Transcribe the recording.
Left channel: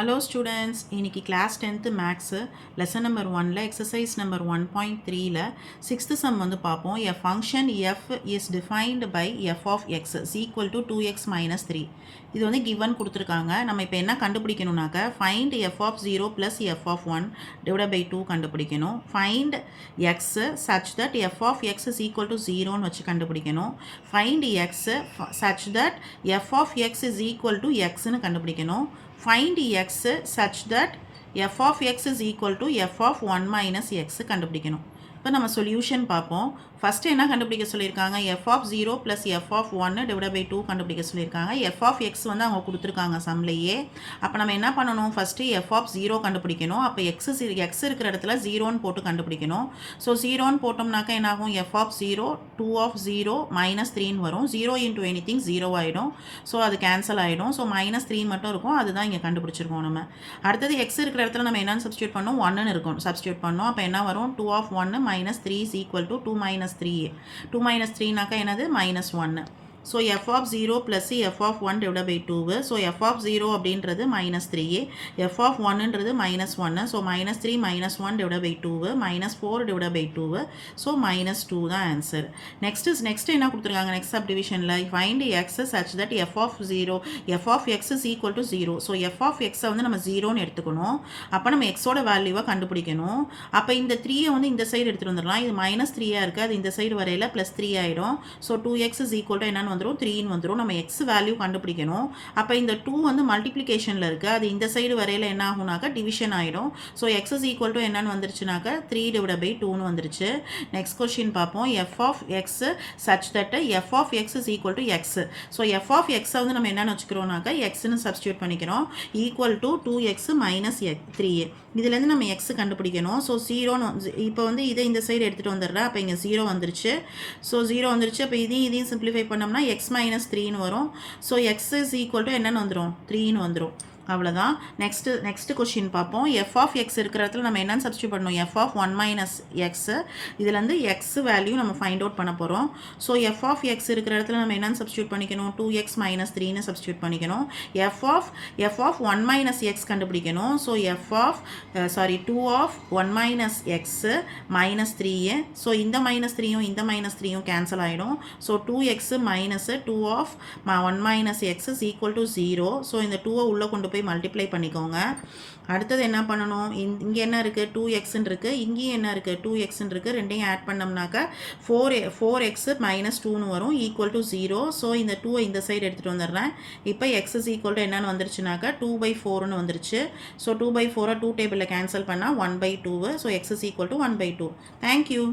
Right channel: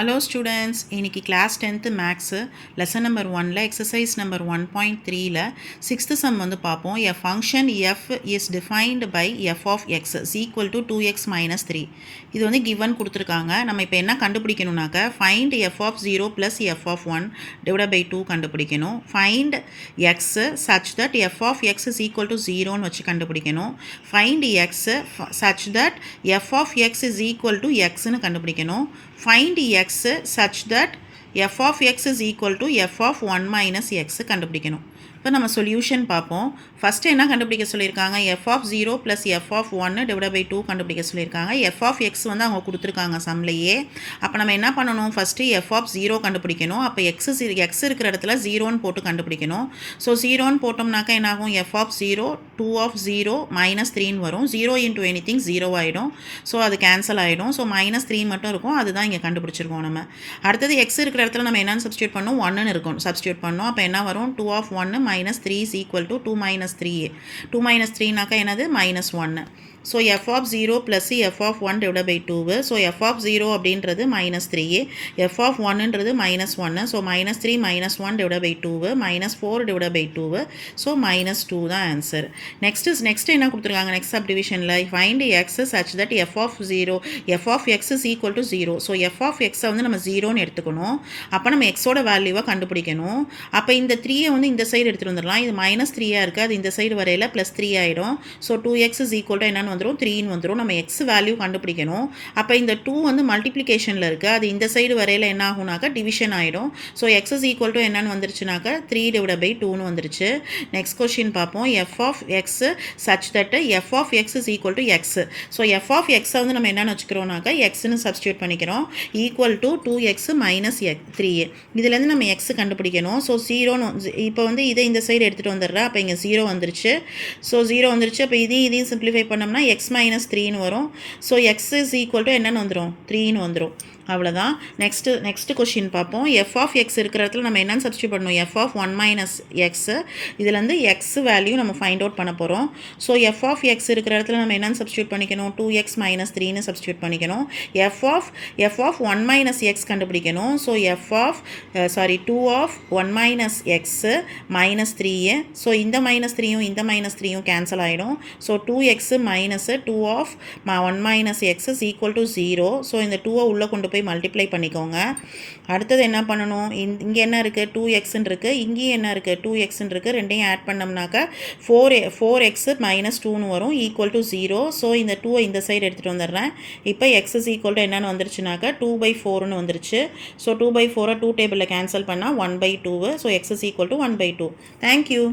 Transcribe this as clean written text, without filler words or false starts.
Hello students, இன்னைக்கு class 10th maths lesson number 1ல exercise number 1.3ல 6th sum வந்து பார்ப்போம். A function f is defined by f of x is equal to 2x minus 3. இது வந்து given கொடுத்துருக்காங்க. நம்ம இப்போ என்ன கண்டுபிடிக்கணும்னாக்க find f of 0 plus f of 1 divided by 2 கண்டுபிடிக்கணும். find x such that f of x is equal to 0ன்னு வச்சு கண்டுபிடிக்கணும். find x such that f of x is equal to xன்னு கண்டுபிடிக்கணும். find x such that f of x is equal to f of 1 minus x கண்டுபிடிக்கணும். இப்போ நம்ம solution பார்ப்போம். First என்ன கண்டுபிடிக்க சொல்லியிருக்காங்க, f of 0 plus f of 1 divided by 2 கண்டுபிடிக்க சொல்லியிருக்காங்க. f of x வந்து அவங்க கொடுத்துருக்காங்க சம்லையே. அப்போ நம்ம என்ன பண்ணணும், ஃபஸ்ட்டு f of 0 கண்டுபிடிக்கணும். அப்போ x இருக்கிற இடத்துல 0ன்னு போட்டு கண்டுபிடிக்கணும். ஸோ 0ன்னு போட்டோம்னாக்கா என்னாகும், f of 0 2 of 0 minus 3ன்னு வரும். 0 into anything 0 ஆகிடும். ஸோ அது கேன்சல் ஆகிடும். ஸோ minus 3 மட்டும் இருக்கும். அதுதான் இங்கே கண்டுபிடிச்சிருக்கோம் நம்ம. அடுத்தது x இருக்கிற இடத்துல நம்ம என்னென்னு சப்ஸ்டியூட் பண்ணோம், 1ன்னு இருக்கும். சப்ஸ்டியூட் பண்ணோம். அப்போ என்ன வரும், 2 of 1 minus 3 is equal to 2 minus 3. 2 minus 3 நாக்கா என்னது, minus 1. So f of 0 plus f of 1 divided by 2. So f of 0 அப்படின்றது minus 3. f of 1ன்றது minus 1. So minus 3 minus 1 divided by 2. minus 4 divided by 2. So minus 2 தான் answer. Next என்ன கொடுத்துருக்காங்க, next சப்டிவிஷனில் find x such that f of x is equal to 0. So f of x வந்து நம்ம 0ன்னு எடுத்துக்கணும். அப்போ நம்ம எக்ஸோட வேல்யூவை கண்டுபிடிக்கணும். அப்போ இந்த 3 வந்து இந்த சைடு எடுத்துகிட்டு வந்துடலாம். இது minus 3 இருக்குது, அது இந்த சைடு வரையில் +3 ஆகிடும். So 2x is equal to என்னன்னு வந்துடும், 3ன்னு வந்துடும். நம்ம x வேல்யூ கண்டுபிடிக்கணும். அப்போ இந்த 2 வந்து மல்டிப்ளிகேஷனில் இருக்குது, அது இந்த சைடு வரையில் என்ன ஆகுனாக்கா டிவிஷன் ஆகிடும். So x is equal to என்னன்னு வந்துருச்சுனாக்கா 3 divided by 2ன்னு வந்துருச்சு. நெக்ஸ்ட் கொஸ்டின் பார்ப்போம். f of x such that f of x is equal to x. So f of x வந்து நம்ம என்னென்னு வச்சுக்கிறோம்னாக்கா xன்னு சப்ஸ்டியூட் பண்ணிக்கிறோம். Equal to 2x minus 3. இதுலேருந்து நம்ம x கண்டுபிடிக்கணும். ஸோ 0ன்னு இப்போ வந்து இதை இந்த சைடு எடுத்துகிட்டு வந்துடுறேன். அப்போ இங்கே 0 வந்துருச்சு. ஸோ 0 வந்துருச்சு. அப்போ இதையும் சிம்பிளிஃபை பண்ணோம்னா x minus 3ன்னு வரும். So x is equal to என்னன்னு வந்துடும், 3ன்னு வந்துடும். அவ்வளோதான். நெக்ஸ்ட்டு கொஷின் பார்ப்போம். f of x இருக்கிற இடத்துல நம்ம என்னென்னு சப்ஸ்டியூட் பண்ணணும், f of 1 minus x. இதுலேருந்து x வேல்யூ நம்ம ஃபைண்ட் அவுட் பண்ண போகிறோம். ஸோ f of x இருக்கிற இடத்துல நம்ம என்னென்னு சப்ஸ்டியூட் பண்ணிக்கணும், 2x minus 3ன்னு சப்ஸ்டியூட் பண்ணிக்கணும். f of 1 minus x கண்டுபிடிக்கணும். So 2 of 1 minus x minus 3. So இந்த minus 3யும் இந்த minus 3யும் கேன்சல் ஆகிடும். So 2x minus 2 of 1 minus x is equal to 0. So இந்த 2 உள்ளே கொண்டு போய் மல்டிப்ளை பண்ணிக்கோங்க. அடுத்தது என்ன பண்ணணும், இங்கே என்ன இருக்குது, 2xன்னு இருக்குது, இங்கேயும் என்ன இருக்குது, 2xன்னு இருக்குது. ரெண்டையும் ஆட் பண்ணோம்னாக்கா 4x minus 2ன்னு வரும், ஈக்குவல் டு 0. ஸோ இந்த 2 இந்த சைடு எடுத்துகிட்டு வந்துடுறேன். இப்போ x is equal to என்னன்னு வந்துருச்சுனாக்கா 2/4ன்னு வந்துருச்சு. ஸோ 2/4 2 டேபிளில் கேன்சல் பண்ணால் 1/2. So x is equal to 1/2. Thank you.